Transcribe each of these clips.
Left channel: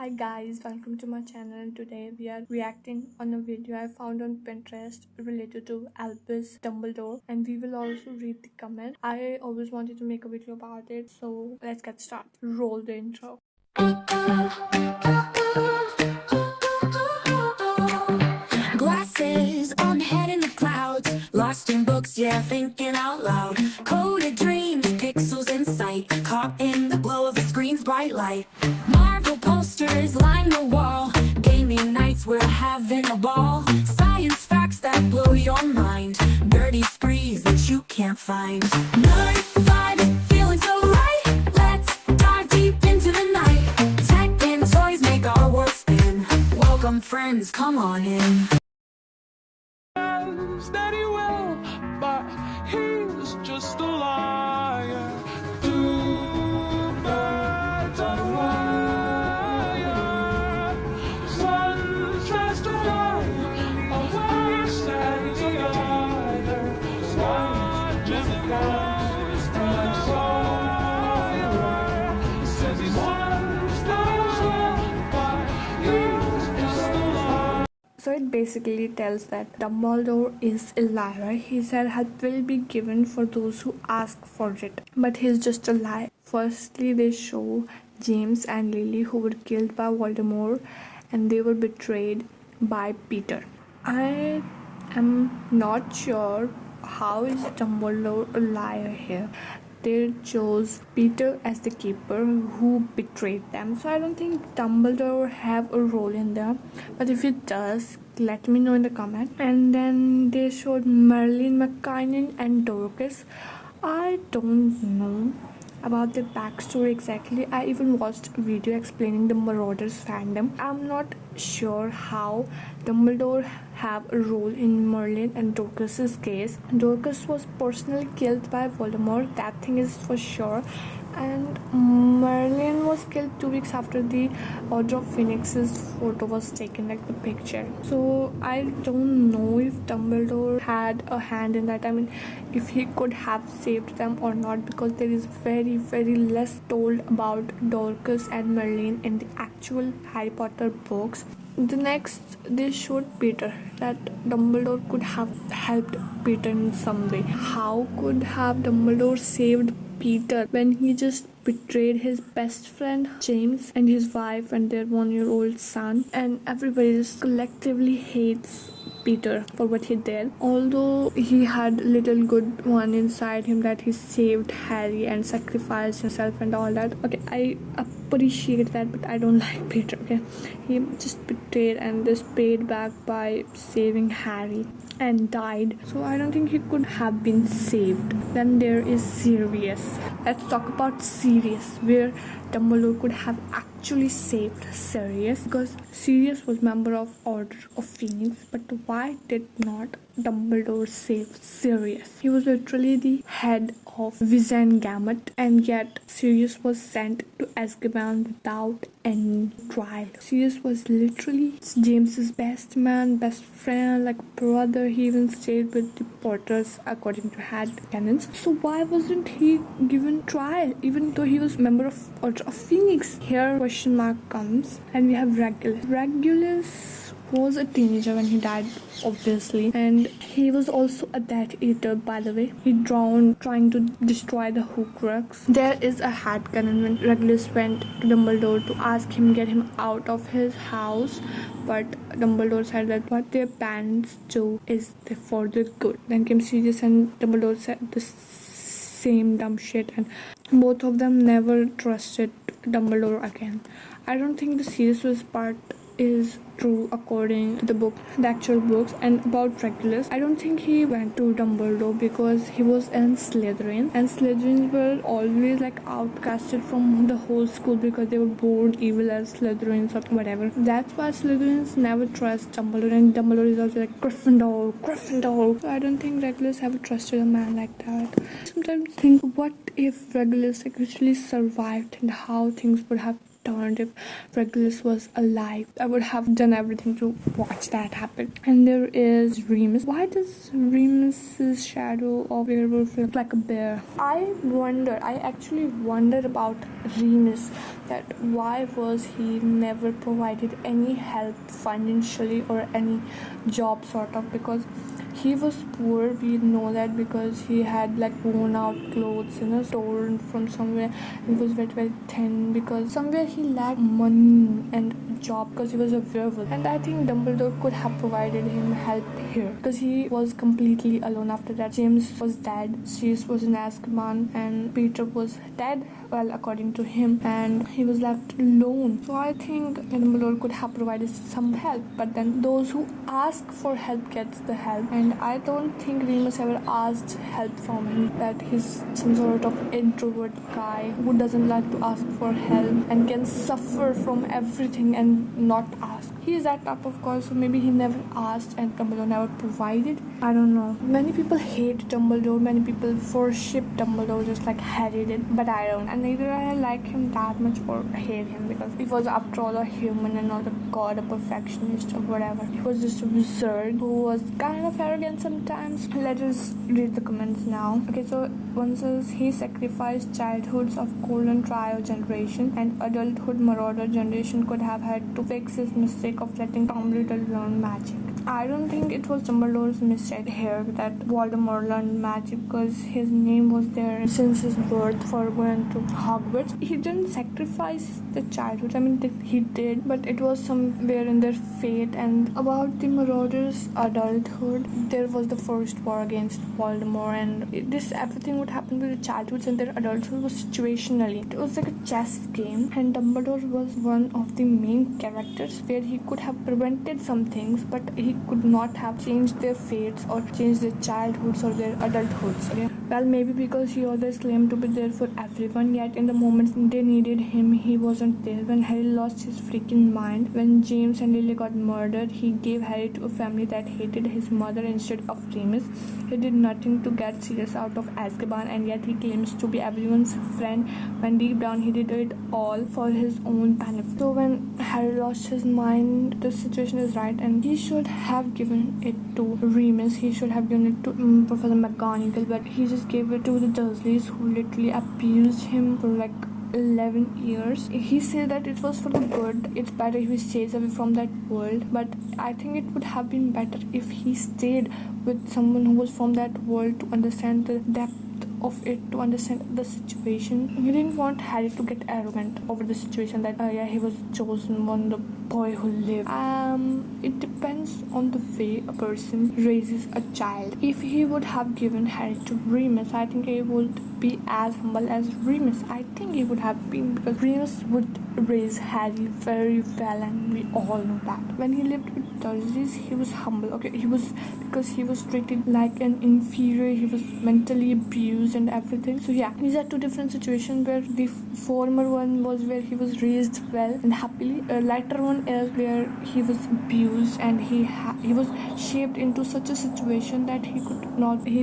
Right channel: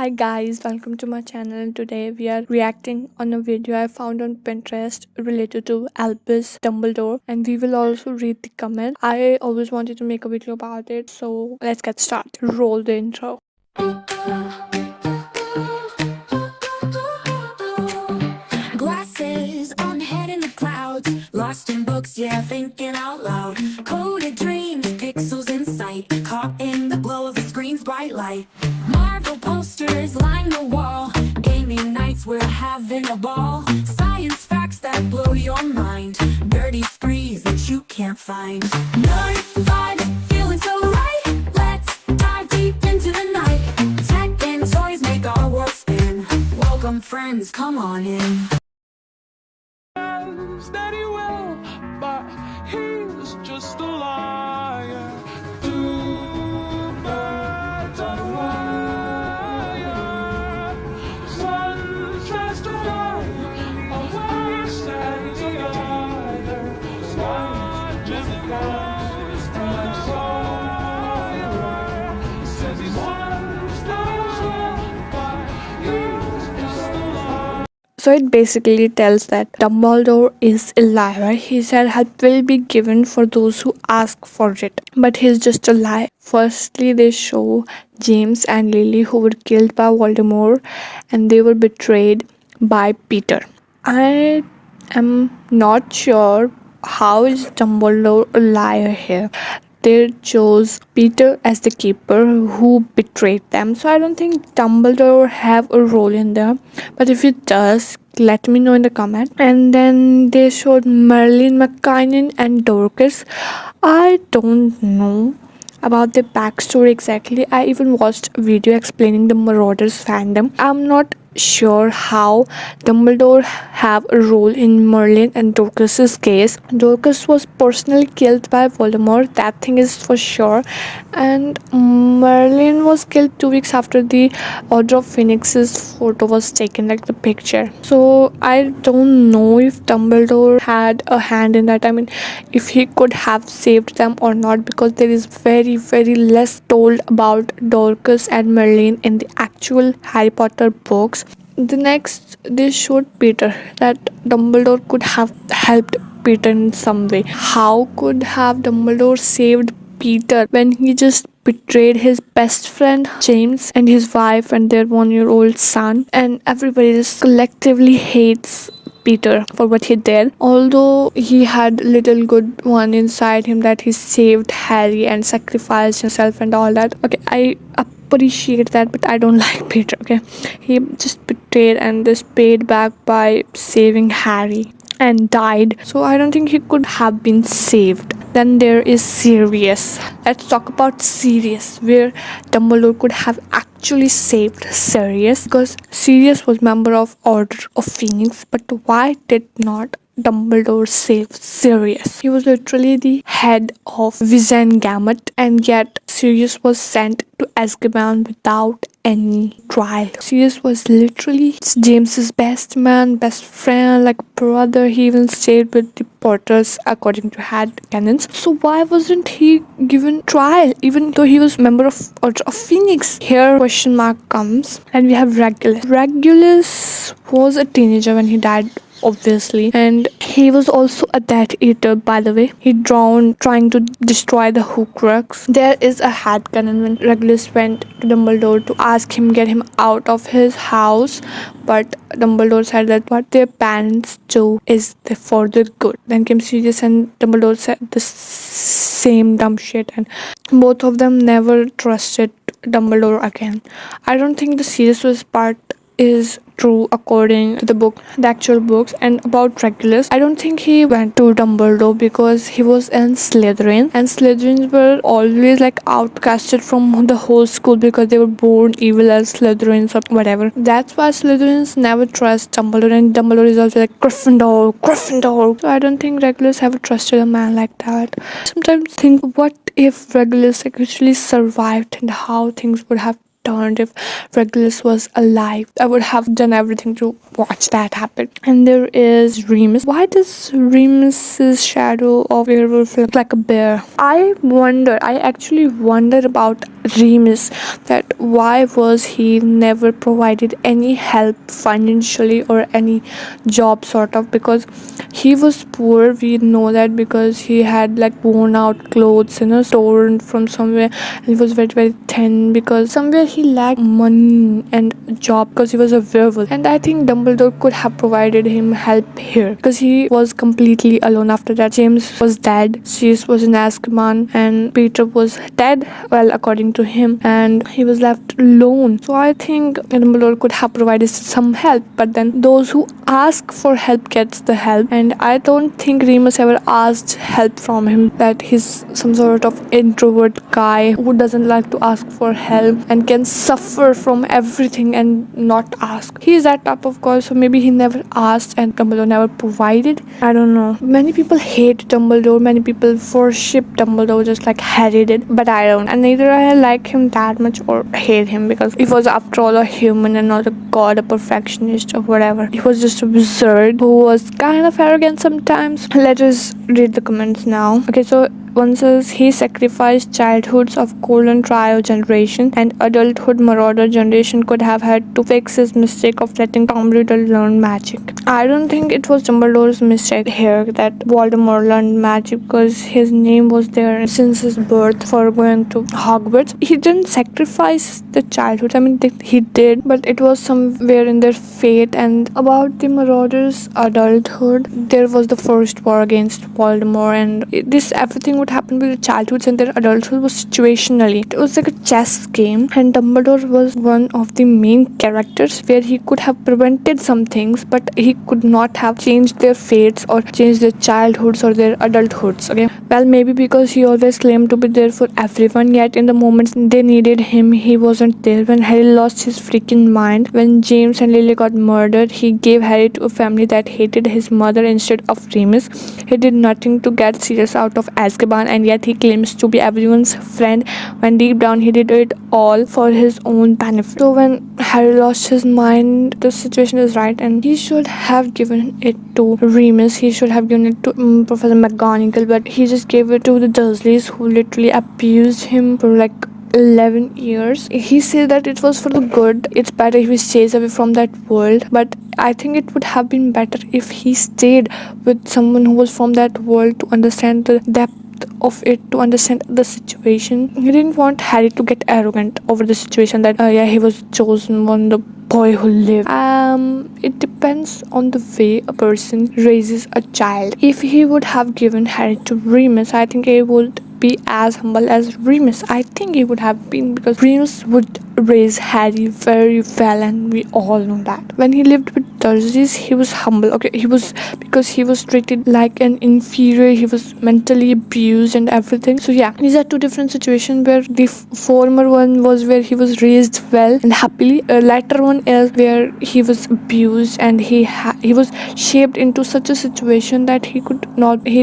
Hi guys, welcome to my channel. Today we are reacting on a video I found on Pinterest related to Albus Dumbledore, and we will also read the comment. I always wanted to make a video about it, so let's get started. Roll the intro. Glasses on, head in the clouds, lost in books, yeah, thinking out loud. Coded dreams, pixels in sight, caught in the glow of the screen's bright light. Marvel posters line the wall, gaming nights, we're having a ball. Science facts that blow your mind, dirty sprees that you can't find. Nerd vibes, feeling so right, let's dive deep into the night. Tech and toys make our world spin, welcome friends, come on in. That he will, but he's just a liar. Two birds on a wire. One tries to fly away, and the other watches the ghost and fire. Says he wants that will, but he's just a liar. So it basically tells that Dumbledore is a liar. He said help will be given for those who ask for it, but he's just a lie. Firstly, they show James and Lily, who were killed by Voldemort, and they were betrayed by Peter. I am not sure how is Dumbledore a liar here. They chose Peter as the keeper who betrayed them. So I don't think Dumbledore have a role in there. But if it does, let me know in the comment. And then they showed Merlin, McKinnon and Dorcas. I don't know about the backstory exactly. I even watched a video explaining the Marauders fandom. I'm not sure how Dumbledore have a role in Merlin and Dorcas's case. Dorcas was personally killed by Voldemort, that thing is for sure, and Merlin was killed 2 weeks after the Order of Phoenix's photo was taken, like the picture. So I don't know if Dumbledore had a hand in that. I mean, if he could have saved them or not, because there is very less told about Dorcas and Merlin in the actual Harry Potter books. The next, they showed Peter, that Dumbledore could have helped Peter in some way. How could have Dumbledore saved Peter when he just betrayed his best friend James and his wife and their 1-year-old son, and everybody just collectively hates Peter for what he did, although he had little good one inside him, that he saved Harry and sacrificed himself and all that. Okay, I appreciate that, but I don't like Peter. Okay, he just betrayed and just paid back by saving Harry and died. So I don't think he could have been saved. Then there is Sirius. Let's talk about Sirius, where Dumbledore could have actually saved Sirius, because Sirius was member of Order of Phoenix. But why did not Dumbledore save Sirius? He was literally the head of Wizengamot, and yet Sirius was sent to Azkaban without any trial. Sirius was literally James's best man, best friend, like brother. He even stayed with the Potters according to head canons. So why wasn't he given trial, even though he was member of Order of Phoenix? Here question mark comes, and we have Regulus. Regulus was a teenager when he died, obviously, and he was also a Death Eater, by the way. He drowned trying to destroy the Horcrux. There is a headcanon when Regulus went to Dumbledore to ask him get him out of his house, but Dumbledore said that what their parents do is for the good. Then came Sirius and Dumbledore said the same dumb shit, and both of them never trusted Dumbledore again. I don't think the Sirius was part is true according to the book, the actual books. And about Regulus, I don't think he went to Dumbledore because he was in Slytherin, and Slytherins were always like outcasted from the whole school because they were born evil as Slytherins or whatever. That's why Slytherins never trust Dumbledore, and Dumbledore is also like Gryffindor. So I don't think Regulus ever trusted a man like that. Sometimes think, what if Regulus actually survived and how things would have turned if Regulus was alive. I would have done everything to watch that happen. And there is Remus. Why does Remus's shadow of werewolf look like a bear? I actually wonder about Remus, that why was he never provided any help financially or any job sort of, because he was poor. We know that because he had like worn out clothes, stolen from somewhere. And he was very very thin because somewhere he lacked money and a job because he was a werewolf. And I think Dumbledore could have provided him help here because he was completely alone after that. James was dead, Sirius was in Azkaban, and Peter was dead, well, according to him, and he was left alone. So I think Dumbledore could have provided some help, but then those who ask for help gets the help. And I don't think Remus ever asked help from him, that he's some sort of introvert guy who doesn't like to ask for help and can suffer from everything and not ask. He's that type of guy, so maybe he never asked and Dumbledore never provided. I don't know. Many people hate Dumbledore, many people worship Dumbledore just like Harry did, but I don't. And neither I like him that much or hate him, because he was after all a human and not a god, a perfectionist or whatever. He was just a wizard who was kind of arrogant sometimes. Let us read the comments now. Okay, so one says he sacrificed childhoods of golden trio generation and adulthood marauder generation could have had to fix his mistake of letting Tom Riddle learn magic. I don't think it was Dumbledore's mistake here that Voldemort learned magic, because his name was there since his birth for going to Hogwarts. He didn't sacrifice the childhood. I mean, he did, but it was somewhere in their fate. And about the marauders' adulthood, there was the first war against Voldemort, and this everything would happen with their childhoods and their adulthood was situationally. It was like a chess game, and Dumbledore was one of the main characters where he could have prevented some things, but he could not have changed their fates or changed their childhoods or their adulthoods. Okay, well, maybe because he always claimed to be there for everyone, yet in the moments they needed him, he wasn't there. When Harry lost his freaking mind, when James and Lily got murdered, he gave Harry to a family that hated his mother instead of Remus. He did nothing to get Sirius out of Azkaban, and yet he claims to be everyone's friend when deep down he did it all for his own benefit. So when Harry lost his mind, the situation is right, and he should have given it to Remus. He should have given it to Professor McGonagall, but he just gave it to the Dursleys, who literally abused him for like 11 years. He said that it was for the good. It's better if he stays away from that world, but I think it would have been better if he stayed with someone who was from that world to understand the depth of it, to understand the situation. He didn't want Harry to get arrogant over the situation that he was chosen one, the boy who lived. It depends on the way a person raises a child. If he would have given Harry to Remus, I think he would be as humble as Remus. I think he would have been, because Remus would raise Harry very well, and we all know that. When he lived with Dursleys, he was humble. Okay, he was, because he was treated like an inferior. He was mentally abused and everything. So yeah, these are two different situations, where the former one was where he was raised well and happily. Latter one is where he was abused and he was shaped into such a situation that he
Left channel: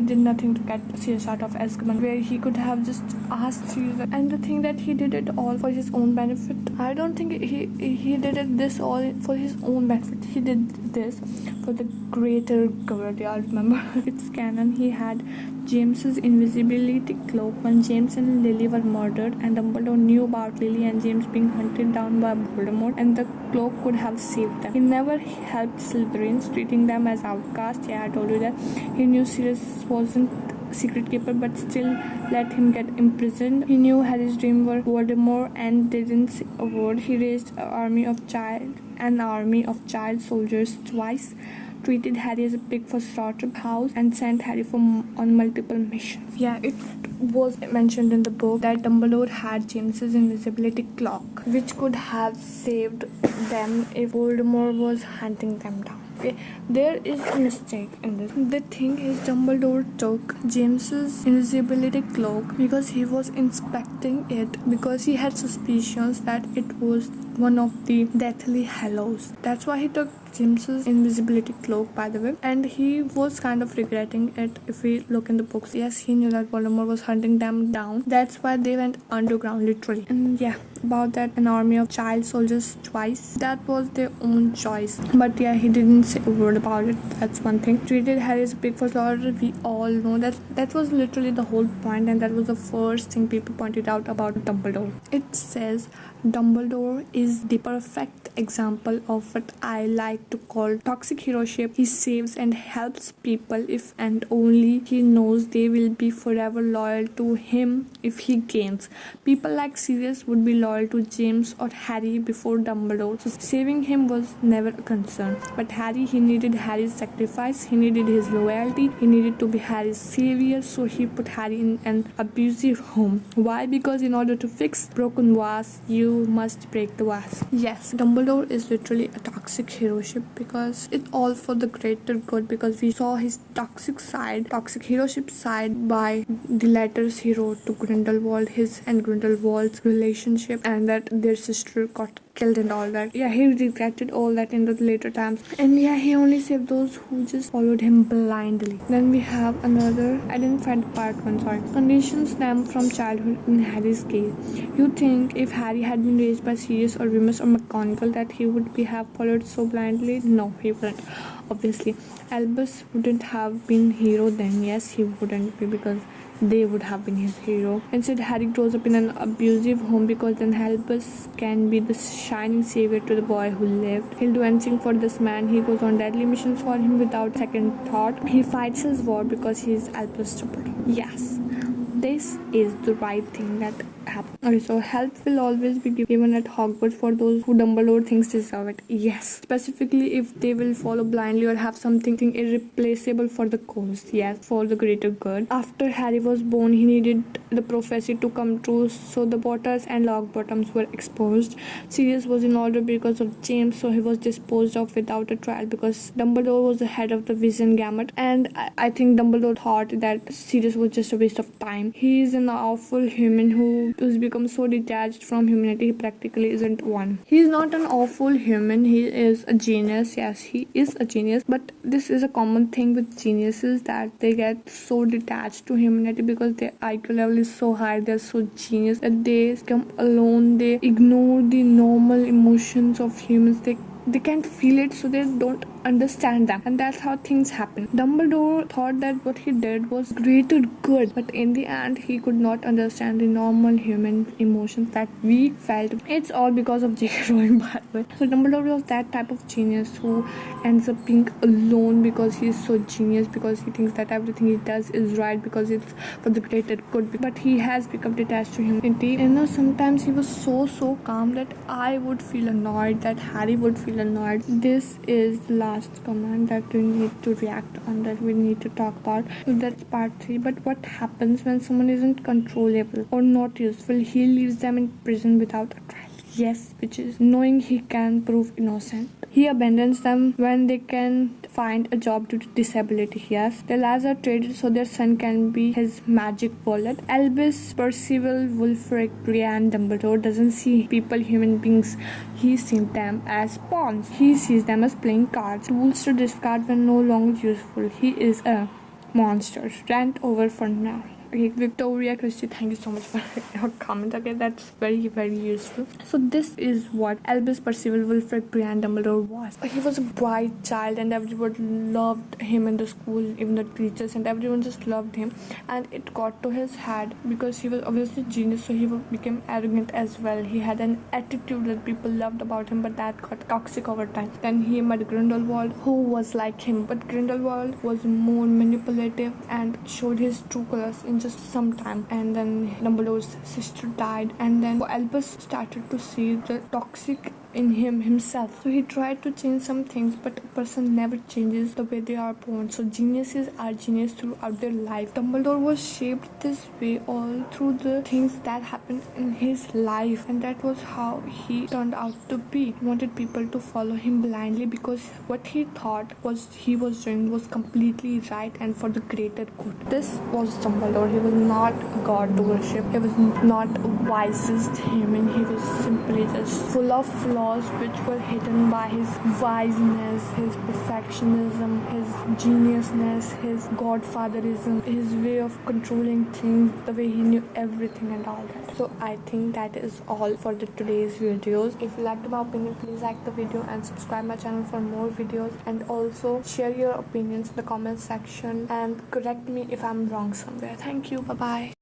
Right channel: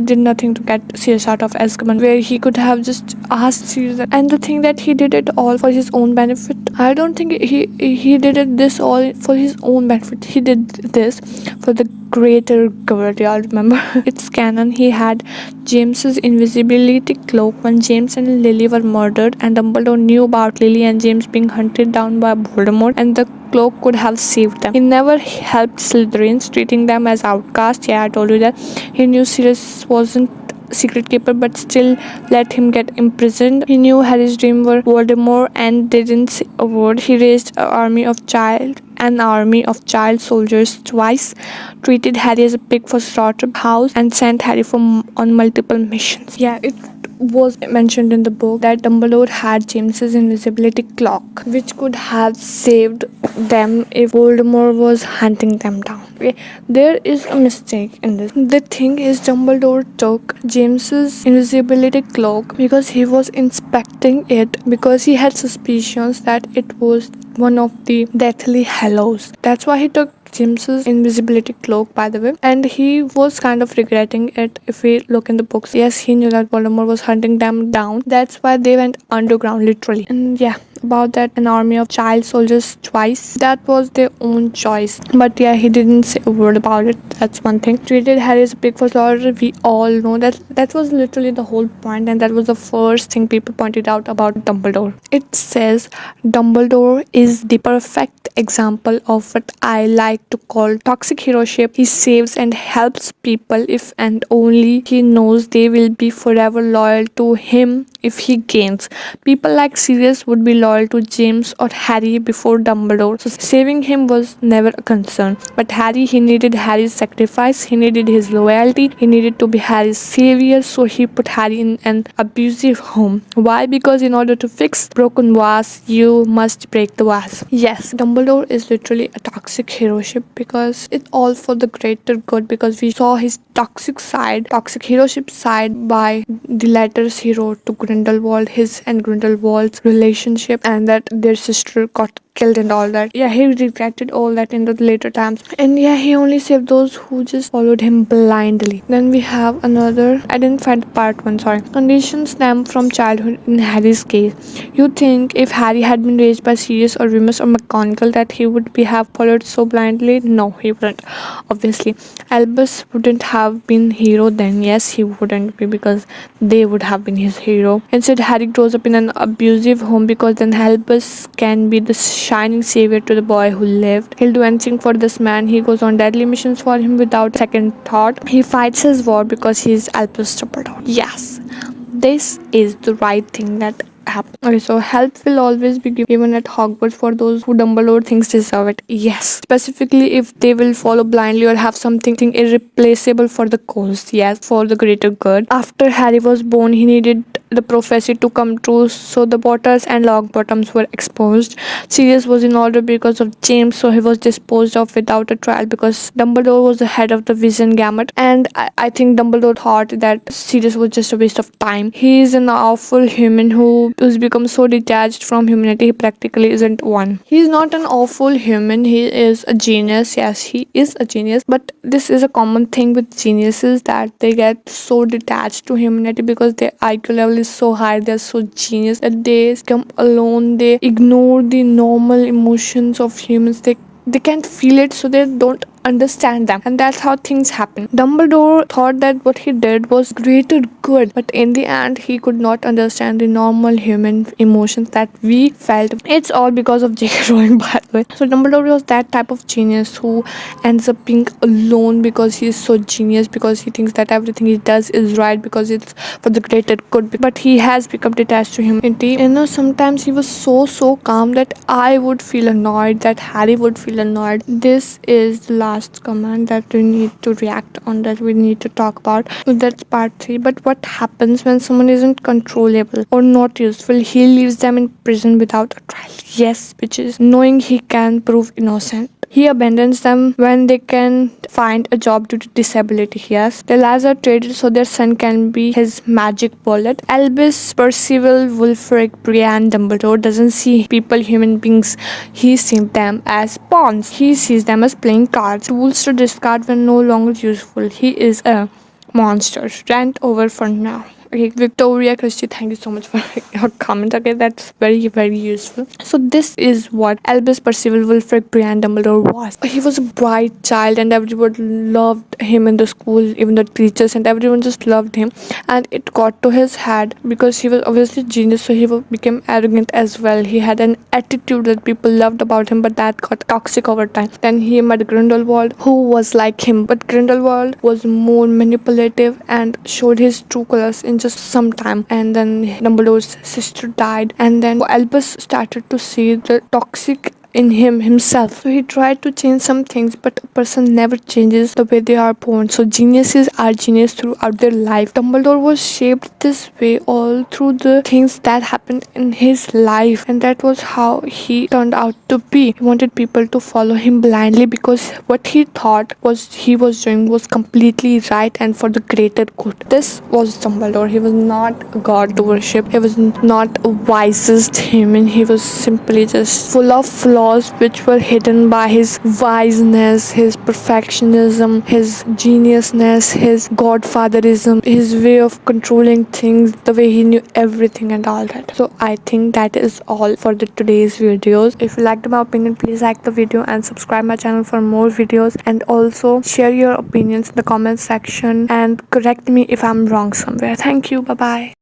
did nothing to get Sirius out of Azkaban, where he could have just asked Sirius. And the thing that he did it all for his own benefit. I don't think he did it this all for his own benefit. He did this for the greater good. Y'all remember? It's canon. He had James's invisibility cloak when James and Lily were murdered, and Dumbledore knew about Lily and James being hunted down by Voldemort, and the cloak could have saved them. He never helped Slytherins, treating them as outcasts. Yeah, I told you that. He knew Sirius wasn't secret keeper, but still let him get imprisoned. He knew Harry's dream were Voldemort and didn't say a word. He raised an army of child soldiers twice, treated Harry as a pig for slaughterhouse, and sent Harry on multiple missions. Yeah, it was mentioned in the book that Dumbledore had James's invisibility cloak, which could have saved them if Voldemort was hunting them down. Okay, there is a mistake in this. The thing is, Dumbledore took James's invisibility cloak because he was inspecting it, because he had suspicions that it was one of the Deathly Hallows. That's why he took James's invisibility cloak, by the way, and he was kind of regretting it if we look in the books. Yes, he knew that Voldemort was hunting them down. That's why they went underground, literally. And yeah, about that, an army of child soldiers twice. That was their own choice. But yeah, he didn't say a word about it. That's one thing. Treated Harry as a pig for slaughter. We all know that was literally the whole point, and that was the first thing people pointed out about Dumbledore. It says Dumbledore is the perfect example of what I like to call toxic heroship. He saves and helps people if and only he knows they will be forever loyal to him if he gains. People like Sirius would be loyal to James or Harry before Dumbledore, so saving him was never a concern. But Harry, he needed Harry's sacrifice, he needed his loyalty, he needed to be Harry's savior, so he put Harry in an abusive home. Why? Because in order to fix broken vase, you must break the vase. Yes, Dumbledore is literally a toxic heroship because it's all for the greater good, because we saw his toxic heroship side by the letters he wrote to Grindelwald, his and Grindelwald's relationship, and that their sister got killed and all that. Yeah, he regretted all that in the later times. And yeah, he only saved those who just followed him blindly. Then we have another, I didn't find part one, sorry. Conditions stem from childhood in Harry's case. You think if Harry had been raised by Sirius or Remus or McGonagall that he would be have followed so blindly? No, he wouldn't. Obviously, Albus wouldn't have been hero then. Yes, he wouldn't be, because they would have been his hero. Instead, Harry grows up in an abusive home, because then Albus can be the shining savior to the boy who lived. He'll do anything for this man. He goes on deadly missions for him without second thought. He fights his war because he's Albus Dumbledore. Yes, this is the right thing that happened. Okay, so help will always be given at Hogwarts for those who Dumbledore thinks deserve it. Yes, specifically if they will follow blindly or have something irreplaceable for the cause. Yes, for the greater good. After Harry was born, he needed the prophecy to come true, so the Potters and Longbottoms were exposed. Sirius was in order because of James, so he was disposed of without a trial because Dumbledore was the head of the Vision Gamut, and I think Dumbledore thought that Sirius was just a waste of time. He is an awful human who's become so detached from humanity he practically isn't one. He is not an awful human, he is a genius. Yes, he is a genius, but this is a common thing with geniuses, that they get so detached to humanity because their IQ level is so high, they're so genius that they become alone, they ignore the normal emotions of humans, they can't feel it, so they don't understand them, and that's how things happen. Dumbledore thought that what he did was greater good, but in the end he could not understand the normal human emotions that we felt. It's all because of J.K. Rowling, by the way. So Dumbledore was that type of genius who ends up being alone because he's so genius, because he thinks that everything he does is right because it's for the greater good, but he has become detached to humanity. Sometimes he was so calm that I would feel annoyed, that Harry would feel annoyed. This is the last command that we need to react on, that we need to talk about. That's part 3. But what happens when someone isn't controllable or not useful? He leaves them in prison without a trial. Yes, which is knowing he can prove innocent. He abandons them when they can find a job due to disability. Yes, their lives are traded so their son can be his magic bullet. Albus, Percival, Wulfric, Brienne, Dumbledore doesn't see people, human beings. He sees them as pawns. He sees them as playing cards, tools to discard when no longer useful. He is a monster. Rant over for now. Okay, Victoria Christie, thank you so much for your comment. Okay, that's very useful. So this is what Albus Percival Wulfric Brian Dumbledore was. He was a bright child and everyone loved him in the school, even the teachers and everyone just loved him. And it got to his head because he was obviously genius, so he became arrogant as well. He had an attitude that people loved about him, but that got toxic over time. Then he met Grindelwald, who was like him, but Grindelwald was more manipulative and showed his true colors in just some time. And then Dumbledore's sister died, and then Albus started to see the toxic in himself. So he tried to change some things, but a person never changes the way they are born. So geniuses are genius throughout their life. Dumbledore was shaped this way all through the things that happened in his life, and that was how he turned out to be. He wanted people to follow him blindly because what he thought was he was doing was completely right and for the greater good. This was Dumbledore. He was not a god to worship. He was not a wisest human. He was simply just full of flaws flaws which were hidden by his wiseness, his perfectionism, his geniusness, his godfatherism, his way of controlling things, the way he knew everything and all that. So I think that is all for the today's videos. If you liked my opinion, please like the video and subscribe my channel for more videos, and also share your opinions in the comment section and correct me if I'm wrong somewhere. Thank you. Bye bye.